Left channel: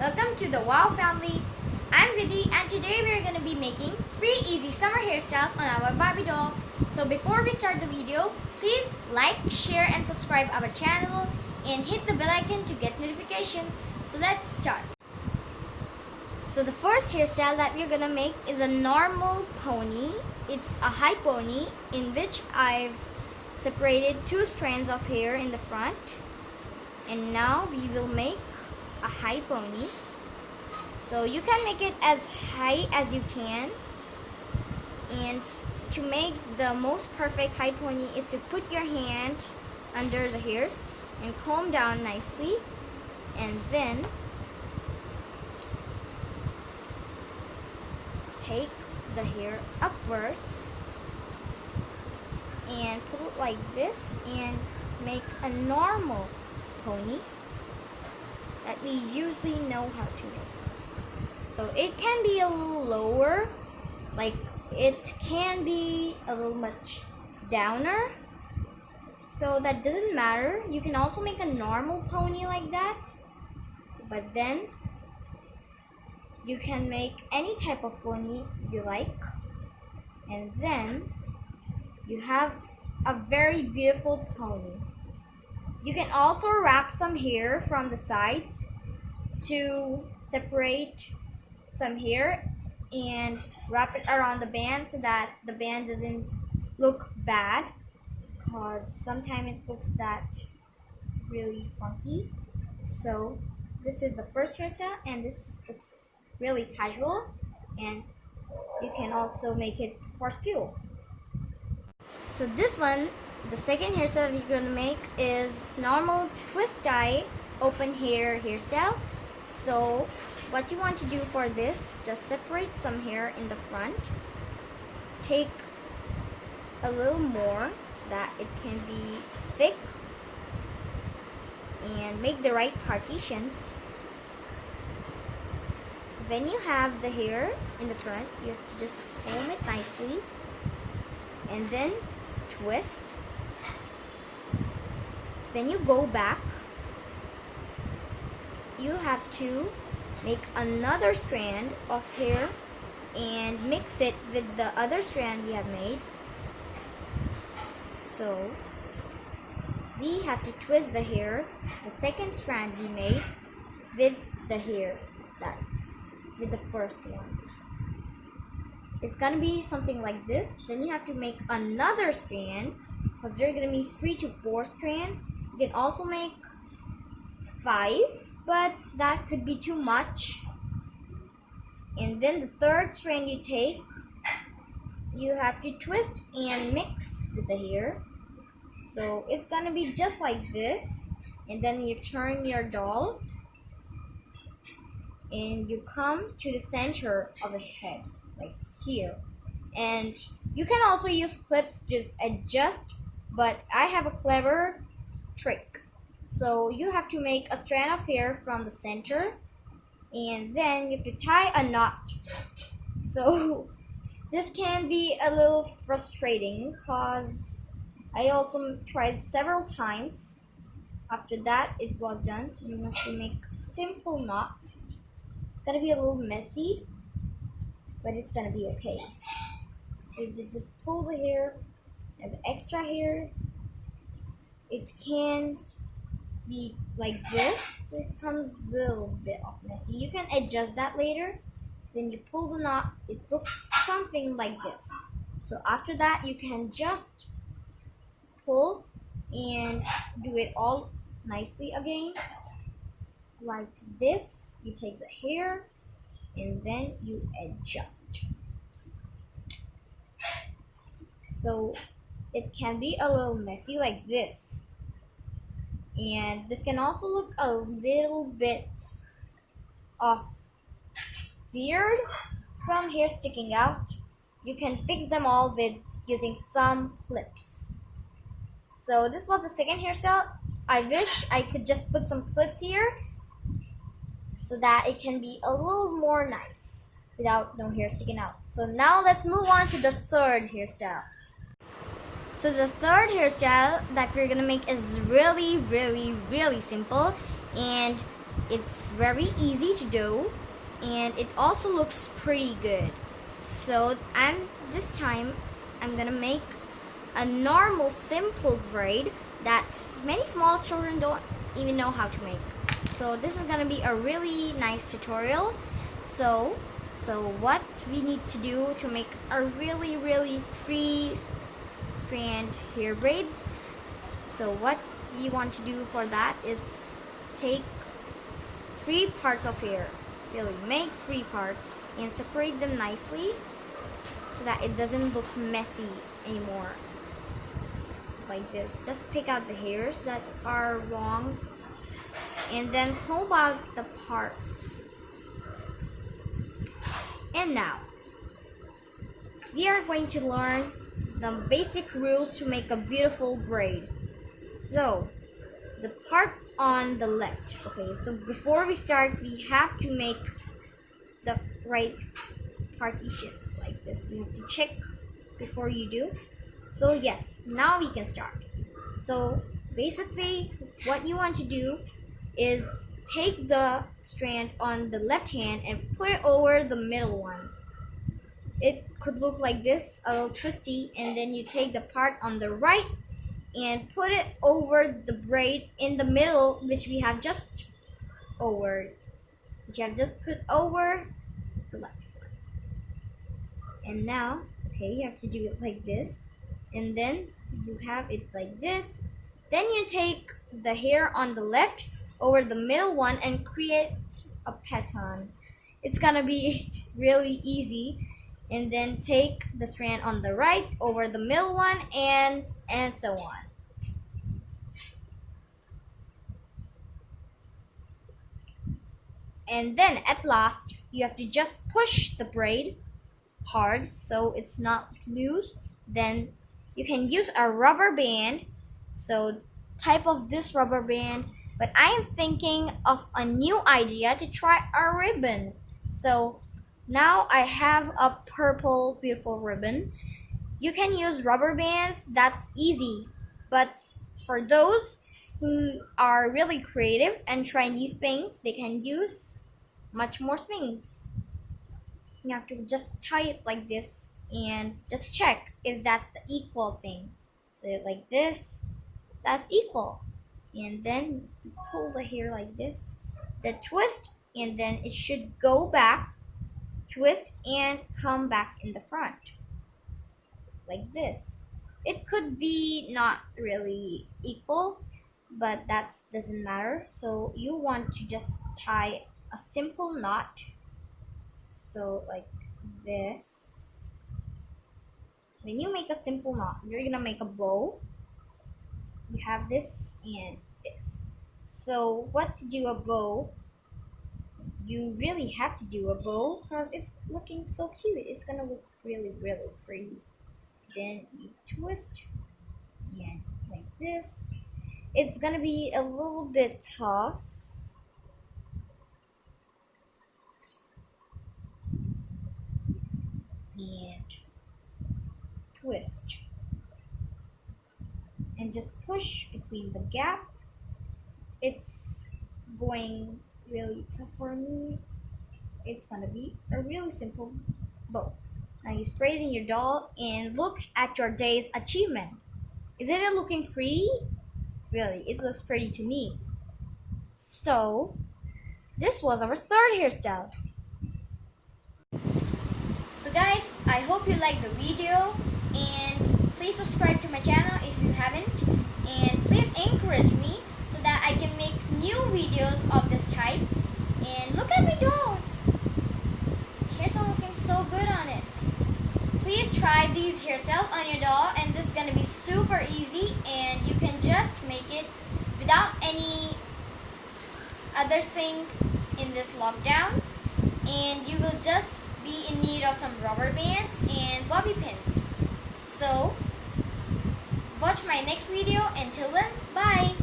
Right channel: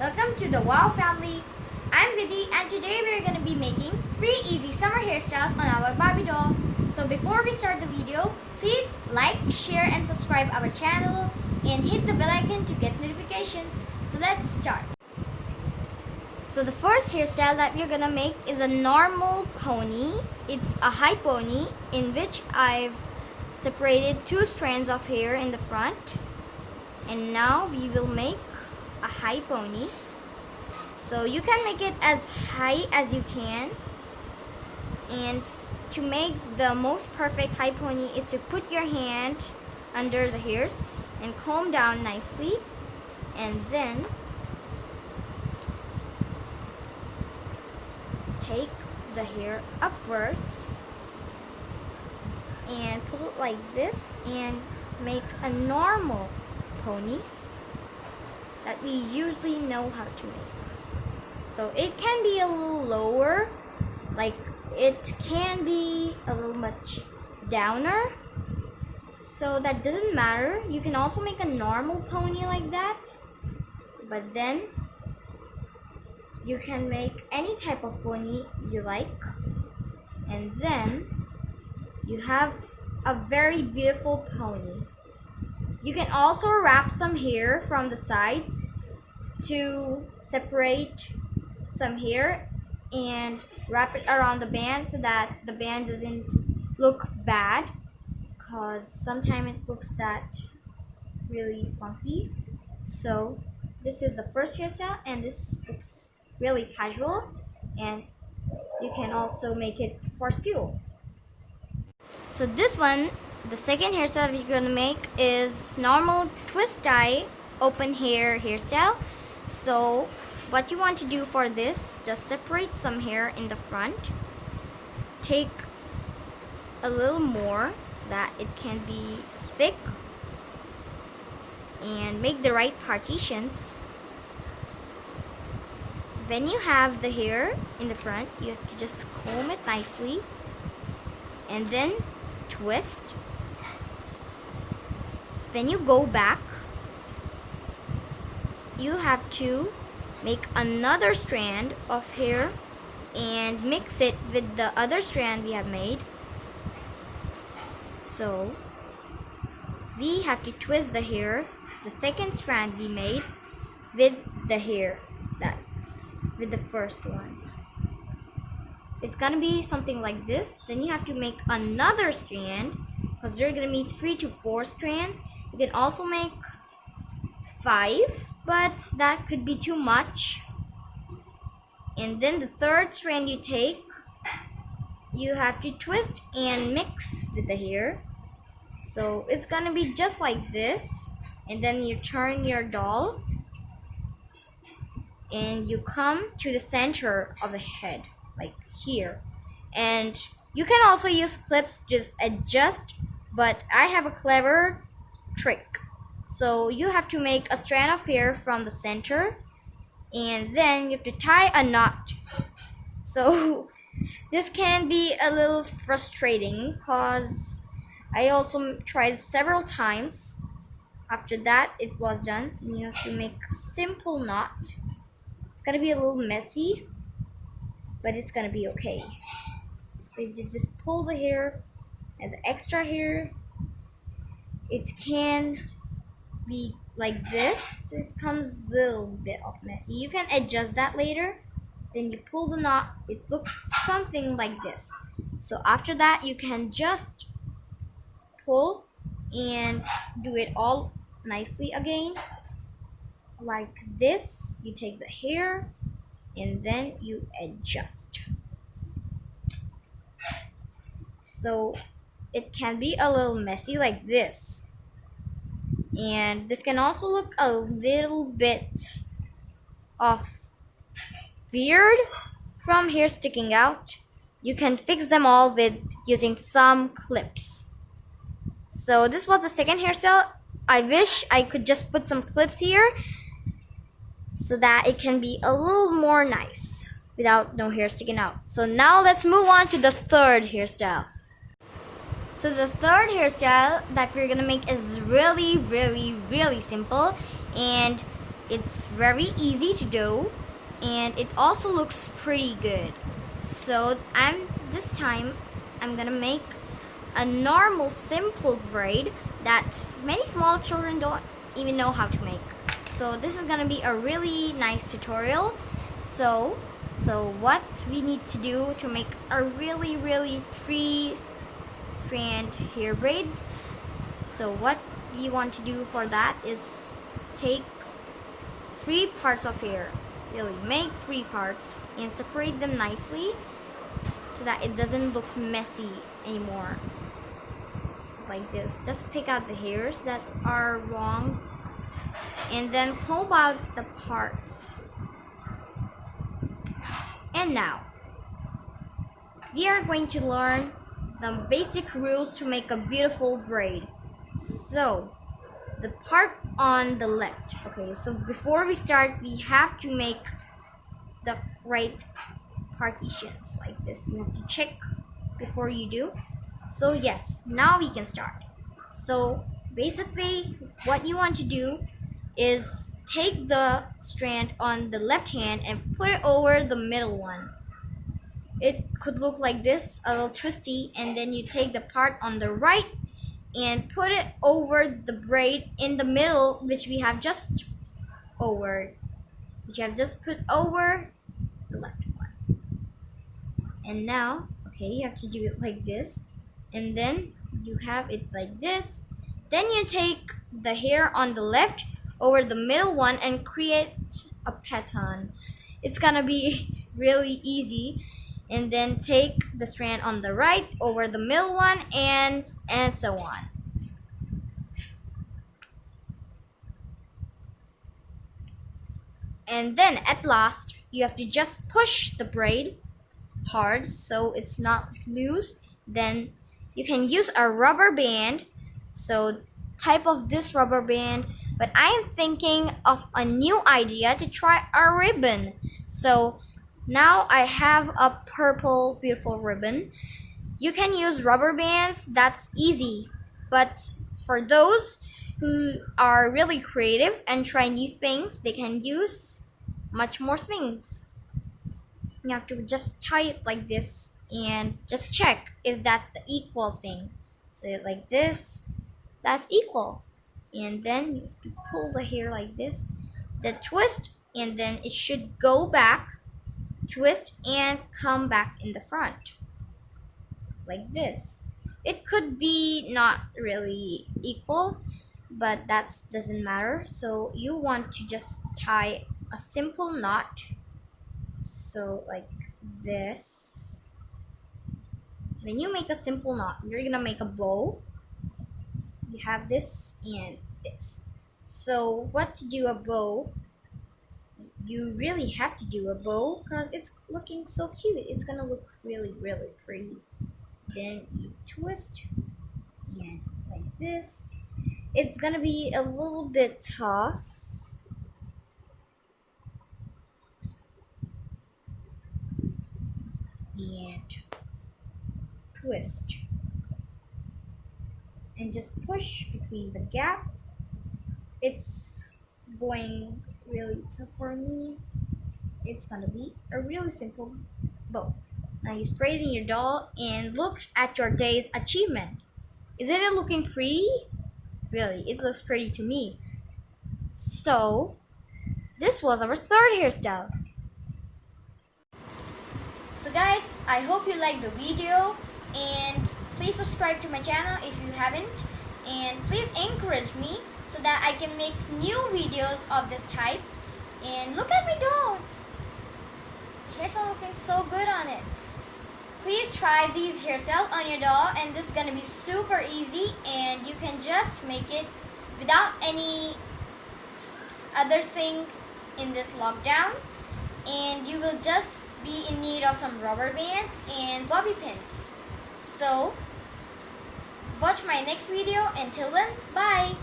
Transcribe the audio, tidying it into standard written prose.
Welcome to the Wow family. I'm Vidhi and today we're going to be making 3 easy summer hairstyles on our Barbie doll. So before we start the video, please like, share and subscribe our channel and hit the bell icon to get notifications. So let's start. So the first hairstyle that we're going to make is a normal pony. It's a high pony in which I've separated 2 strands of hair in the front. And now we will make a high pony. So you can make it as high as you can, and to make the most perfect high pony is to put your hand under the hairs and comb down nicely, and then take the hair upwards and put it like this and make a normal pony that we usually know how to make. So it can be a little lower, like it can be a little much downer, so that doesn't matter. You can also make a normal pony like that, but then you can make any type of pony you like, and then you have a very beautiful pony. You can also wrap some hair from the sides to separate some hair and wrap it around the band so that the band doesn't look bad, because sometimes it looks that really funky. So this is the first hairstyle and this looks really casual, and you can also make it for school. So this one, the second hairstyle we're going to make is normal twist tie open hair hairstyle. So what you want to do for this, just separate some hair in the front, take a little more so that it can be thick, and make the right partitions. When you have the hair in the front, you have to just comb it nicely and then twist. When you go back, you have to make another strand of hair and mix it with the other strand we have made. So we have to twist the hair, the second strand we made, with the hair that's with the first one. It's gonna be something like this. Then you have to make another strand, because there are gonna be 3 to 4 strands. You can also make 5, but that could be too much. And then the third strand you take, you have to twist and mix with the hair. So it's gonna be just like this, and then you turn your doll and you come to the center of the head, like here. And you can also use clips, just adjust, but I have a clever trick. So you have to make a strand of hair from the center, and then you have to tie a knot. So this can be a little frustrating, because I also tried several times. After that it was done, you have to make a simple knot. It's gonna be a little messy, but it's gonna be okay. So you just pull the hair and the extra hair. It can be like this. It comes a little bit of messy. You can adjust that later. Then you pull the knot. It looks something like this. So after that, you can just pull and do it all nicely again, like this. You take the hair and then you adjust. So it can be a little messy like this, and this can also look a little bit of weird from hair sticking out. You can fix them all with using some clips. So this was the second hairstyle. I wish I could just put some clips here so that it can be a little more nice without no hair sticking out. So now let's move on to the third hairstyle. So the third hairstyle that we're gonna make is really simple, and It's very easy to do, and it also looks pretty good. So this time I'm gonna make a normal simple braid that many small children don't even know how to make. So this is gonna be a really nice tutorial. So what we need to do to make a really free strand hair braids. So what we want to do for that is take 3 parts of hair. Really make 3 parts and separate them nicely so that it doesn't look messy anymore. Like this. Just pick out the hairs that are wrong and then comb out the parts. And now we are going to learn the basic rules to make a beautiful braid. So the part on the left. Okay, so before we start, we have to make the right partitions like this. You have to check before you do. So yes, now we can start. So basically what you want to do is take the strand on the left hand and put it over the middle one. It could look like this, a little twisty, and then you take the part on the right and put it over the braid in the middle, which we have just put over the left one. And now, okay, you have to do it like this, and then you have it like this. Then you take the hair on the left over the middle one and create a pattern. It's gonna be really easy. And then take the strand on the right over the middle one and so on. And then at last you have to just push the braid hard so it's not loose. Then you can use a rubber band. So type of this rubber band, but I am thinking of a new idea to try a ribbon. So now I have a purple beautiful ribbon. You can use rubber bands, that's easy. But for those who are really creative and try new things, they can use much more things. You have to just tie it like this and just check if that's the equal thing. So like this, that's equal. And then you have to pull the hair like this, then twist, and then it should go back, twist, and come back in the front like this. It could be not really equal, but that doesn't matter. So you want to just tie a simple knot, so like this. When you make a simple knot, you're gonna make a bow. You have this and this. So what to do a bow, you really have to do a bow because it's looking so cute. It's gonna look really pretty. Then you twist and like this. It's gonna be a little bit tough. And twist. And just push between the gap. It's going really tough for me. It's gonna be a really simple bow. Now you straighten your doll and look at your day's achievement. Isn't it looking pretty? Really, it looks pretty to me. So this was our 3rd hairstyle. So guys, I hope you liked the video, and please subscribe to my channel if you haven't, and please encourage me so that I can make new videos of this type. And look at my dolls. The hair's looking so good on it. Please try these hairstyles on your doll, and this is gonna be super easy, and you can just make it without any other thing in this lockdown. And you will just be in need of some rubber bands and bobby pins. So watch my next video. Until then, bye.